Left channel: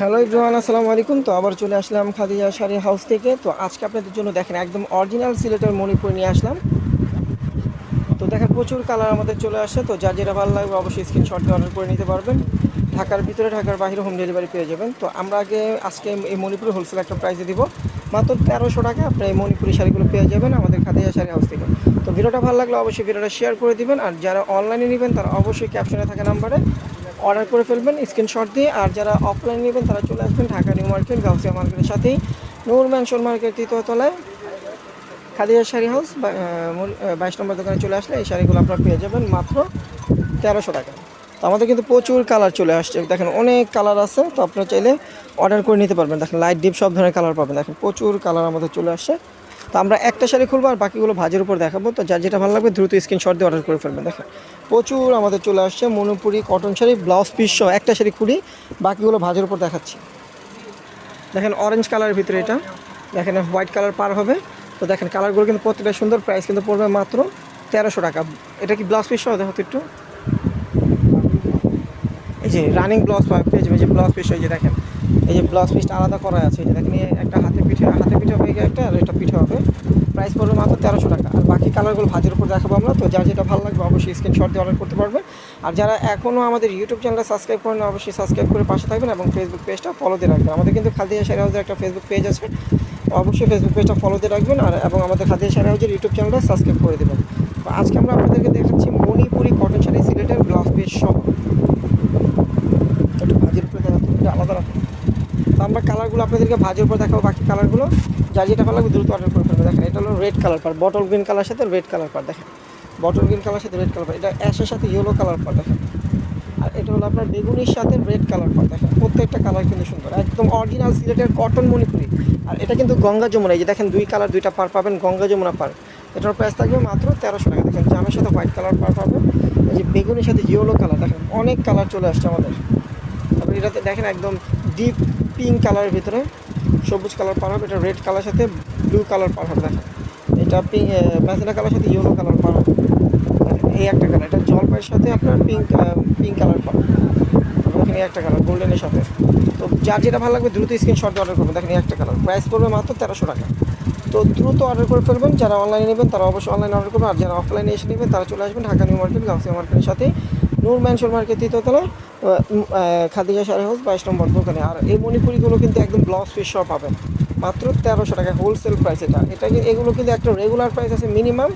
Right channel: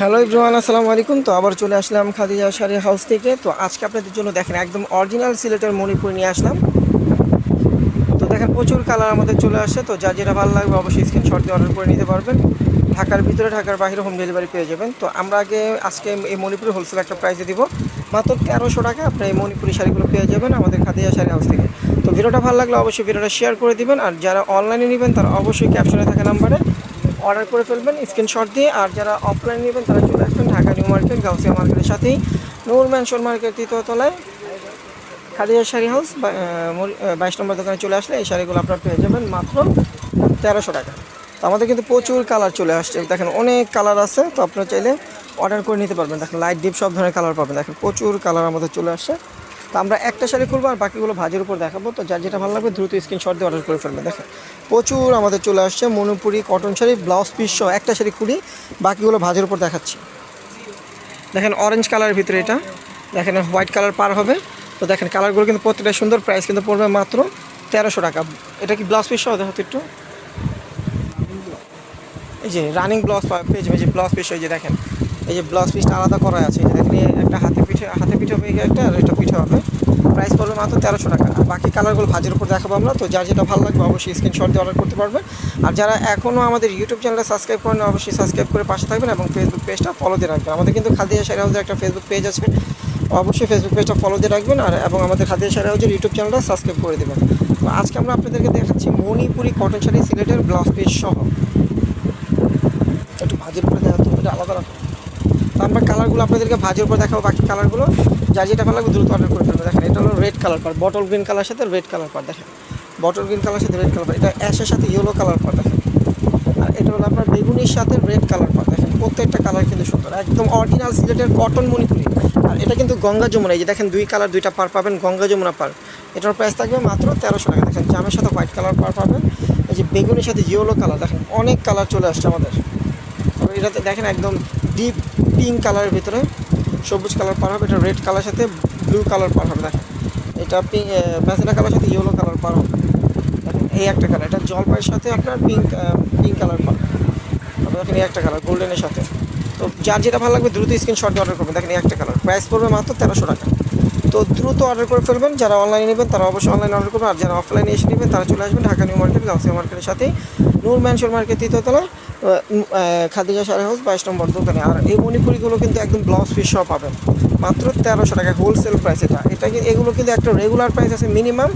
Hello everyone, আসসালামু আলাইকুম। তো আবার চলে আসলাম খাদিজা শাড়ি হাউস থেকে। তো আজকে আপনাদের জন্য দেখেন একদম অরিজিনাল সিলেটের মণিপুর নিয়ে আসলাম। তো দেখেন প্রচুর কালার আমাদের চলে আসে। তো যার যেটা ভালো লাগবে অবশ্যই স্ক্রিনশট দিয়ে অর্ডার করে নিতে পারবেন। ঢাকার ভিতরে ঢাকার বাইরে হোম ডেলিভারি পেয়ে যাবেন। তো আমরা আজকে এই মণিপুরি হোলসেল একটা প্রাইসে দিব মাত্র 1300 টাকা। আপনি এই মণিপুরি শাড়িগুলো পেয়ে যাবেন আমাদের খাদিজা শাড়ি হাউস থেকে। তো ভিডিওটা ভালো লাগলে অবশ্যই ভিডিওটা শেয়ার করে দিবেন। আর যারা অনলাইনে নেবেন তারা অবশ্যই ক্যাপশনে থাকা নাম্বারে অর্ডার করে ফেলবেন স্ক্রিনশট দিয়ে। আর যারা অফলাইন নেবেন তারা চলে আসবেন ঢাকা নিউ মার্কেট গাউসিয়া মার্কেটের সাথেই নূর ম্যানশন মার্কেট তৃতীয় তলায় খাদিজা শাড়ি হাউস 22 নম্বর দোকানে চলে আসলে এই শাড়িগুলো আপনারা পেয়ে যাবেন মাত্র 1300 টাকা। তো আমাদের কিন্তু প্রচুর কালার চলে আসছে, দেখেন অনেক কালার আছে। তো আপনারা চাইলে অর্ডার করে নিতে পারবেন। দেখেন লাইট ডিপ সব ধরনের কালার পাবেন। দেখেন প্রচুর কালার আমাদের চলে আসছে। তো আমরা একটা শাড়ি খুলবো আর বাকিগুলো ভাজের উপর দেখাবো। তো যার যেটা ভালো লাগবে দ্রুত স্ক্রিনশট দিয়ে অর্ডার করে ফেলবেন। দেখেন প্রচুর আমাদের চলে আসছে Manipuri cotton sari blouse piece সহ একটা শাড়ি খুলি, বাকিগুলো ভাজের উপর দেখাচ্ছি। দেখেন অরেঞ্জ কালারের ভিতরে এটা, দেখেন হোয়াইট কালার পার হবে। তো দেখেন কালারগুলো কিন্তু প্রত্যেকটা সুন্দর, প্রাইস কিন্তু পড়বে মাত্র 1300 টাকা। এটা কি ব্লাউজ পিস সহ দেখো তো একটু, এই যে রানিং ব্লাউজ পেয়ে যাবে। এই যে ব্লাউজ পিস, এই যে দেখেন এই যে ব্লাউজ পিসটা আলাদা করা আছে। এই যে দেখেন একটা হাতে পিঠে হয়ে গিয়ে একটা, আর একটা পিঠে হবে। প্রাইস পড়বে মাত্র 1300 টাকা। আর বাকি কালারগুলো ভাজের উপর দেখাবো আমরা। তো যার যেটা ভালো লাগবে অবশ্যই স্ক্রিনশট দিয়ে অর্ডার করতে পারবেন। আর যারা এখনও আমাদের ইউটিউব চ্যানেলটা সাবস্ক্রাইব করেন অবশ্যই সাবস্ক্রাইব করে পাশে থাকবেন এবং ফেসবুক পেজটা ফলো দিয়ে রাখবেন। আমাদের কিন্তু খাদিজা শাড়ি হাউসের একটা ফেসবুক পেজ আছে, অবশ্যই ফেসবুক পেজটা ফলো দিয়ে রাখবেন। আর এবং আমাদের খাদিজা শাড়ি হাউসের ইউটিউব চ্যানেলটা সাবস্ক্রাইব করে দেবেন। তো আজকে আমরা আপনাদেরকে দেখাচ্ছি মণিপুরি কটন শাড়ি সিলেটের ব্লাউজ পিস সহ। একটু ভাজের উপরে দেখা, তো এটা আলাদা রাখো। তো আমরা কালারগুলো আপনাদেরকে ভাজের উপর দেখাবো। বাকি কালারগুলো যার যেটা ভালো লাগবে দ্রুত অর্ডার করে ফেলবে। দেখেন এটা হলো রেড কালার পার, বটল গ্রিন কালার সাথে রেড কালার পার। দেখেন বটল গ্রিন কালার সাথে রেড কালার পার, এটা অ্যাশের সাথে ইয়েলো কালার পার। দেখেন আর এটা হলো আপনার বেগুনির সাথে রেড কালার পার। দেখেন প্রত্যেকটা কালার কিন্তু সুন্দর, একদম অরিজিনাল সিলেটের কটন মণিপুরি। আর এটা কিন্তু গঙ্গা যমুনা, এই যে দেখেন দুই কালার দুইটা পার পাবেন, গঙ্গা যমুনা পার। এটার প্রাইস থাকবে মাত্র 1300 টাকা। দেখেন জামের সাথে হোয়াইট কালার পার পাবেন, এই যে বেগুনির সাথে ইয়েলো কালার। দেখেন অনেক কালার চলে আসছে আমাদের। তবে এটাতে দেখেন একদম ডিপ পিঙ্ক কালারের ভিতরে সবুজ কালার পার হবে। এটা রেড কালার সাথে ব্লু কালার পার হবে। দেখেন এটা ম্যাজেন্টা কালার সাথে ইয়েলো কালার পার হবে। দেখেন এই একটা কালার, এটা জলপাইয়ের সাথে আপনার পিঙ্ক কালার পার। আপনার দেখেন এই একটা কালার গোল্ডেনের সাথে। তো যার যেটা ভালো লাগবে দ্রুত স্ক্রিনশট দিয়ে অর্ডার করবেন। দেখেন এই একটা কালার, প্রাইস পড়বে মাত্র 1300 টাকা। তো দ্রুত অর্ডার করে ফেলবেন। যারা অনলাইনে নেবেন তারা অবশ্যই অনলাইনে অর্ডার করবেন। আর যারা অফলাইনে এসে নেবেন তারা চলে আসবেন ঢাকা নিউ মার্কেট গাউসিয়া মার্কেটের সাথেই নূর ম্যানশন মার্কেট তৃতীয়তলায় খাদিজা শাড়ি হাউস 22 নম্বর দোকানে। আর এই মণিপুরিগুলো কিন্তু একদম ব্লাউজ পিস সহ পাবেন মাত্র 1300 টাকা হোলসেল প্রাইস। এগুলো কিন্তু একটা রেগুলার প্রাইস আছে মিনিমাম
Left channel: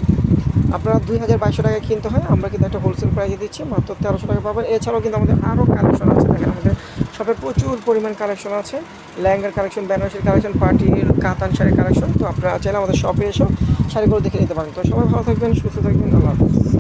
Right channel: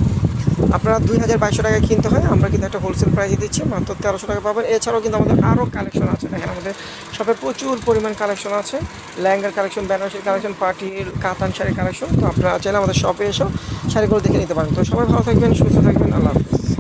আপনারা 2200 টাকায় কিনতে হয়। আমরা কিন্তু একটা হোলসেল প্রাইসে দিচ্ছি মাত্র 1300 টাকা পাবেন। এছাড়াও কিন্তু আমাদের আরও কালেকশন আছে। দেখেন আমাদের শপে প্রচুর পরিমাণ কালেকশন আছে, লেহেঙ্গার কালেকশন, বেনারসির কালেকশন, পার্টির কাতান শাড়ির কালেকশন। তো আপনারা চাইলে আমাদের শপে এসেও শাড়িগুলো দেখে নিতে পারেন। তো সবাই ভালো থাকবেন, সুস্থ থাকবেন, আল্লাহ হাফিজ।